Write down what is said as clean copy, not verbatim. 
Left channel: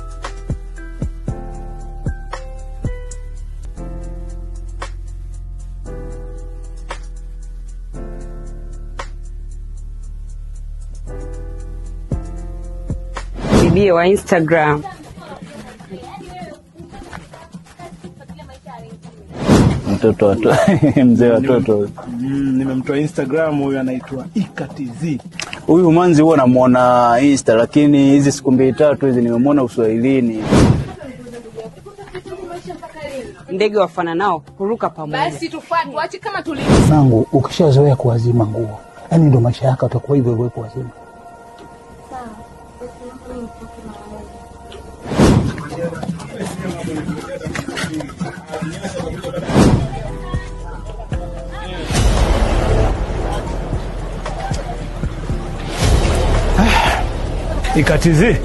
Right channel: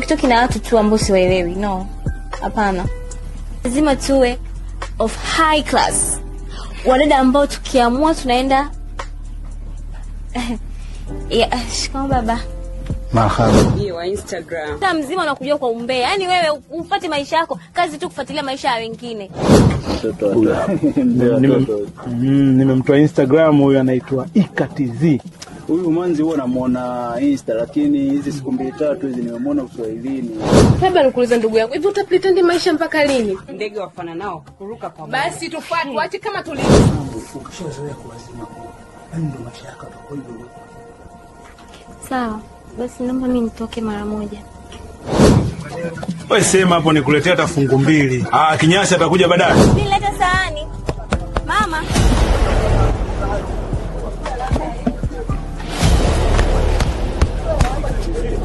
TikTok na watu tu ambao siwaelewi. No. Hapana. Lazima tuwe of high class. Wadada ambao tukiamua tunaenda shikamoo baba. Bibi wa Instagram. Kama mzima unakuja kwa umbea. Yaani wewe upate maisha yako, kazi tu kufuatilia maisha ya wengine. Mtoto mzee watoto. Nimemtoa Instagram, huyu anaitwa IKTZ. Huyu manzi huwa namuona Insta, lakini hizi siku 2-3 hizi nimemuona Uswahilini. Baba nikuuliza ndugu yangu, hivi utapretend maisha mpaka lini? Ndege wafana nao kuruka pamoja. Basi tufuate, waache kama tulivyo. Sangu, ukishazoea kuwazima nguo, yani ndo maisha yako utakuwa hivyo hivyo kuwazima. Sawa. Basi naomba mimi nitoke mara moja. Wewe sema hapo nikuletea hata fungu 2. Kinyasi atakuja baadaye. Nileta sahani. Mama. IKTZ.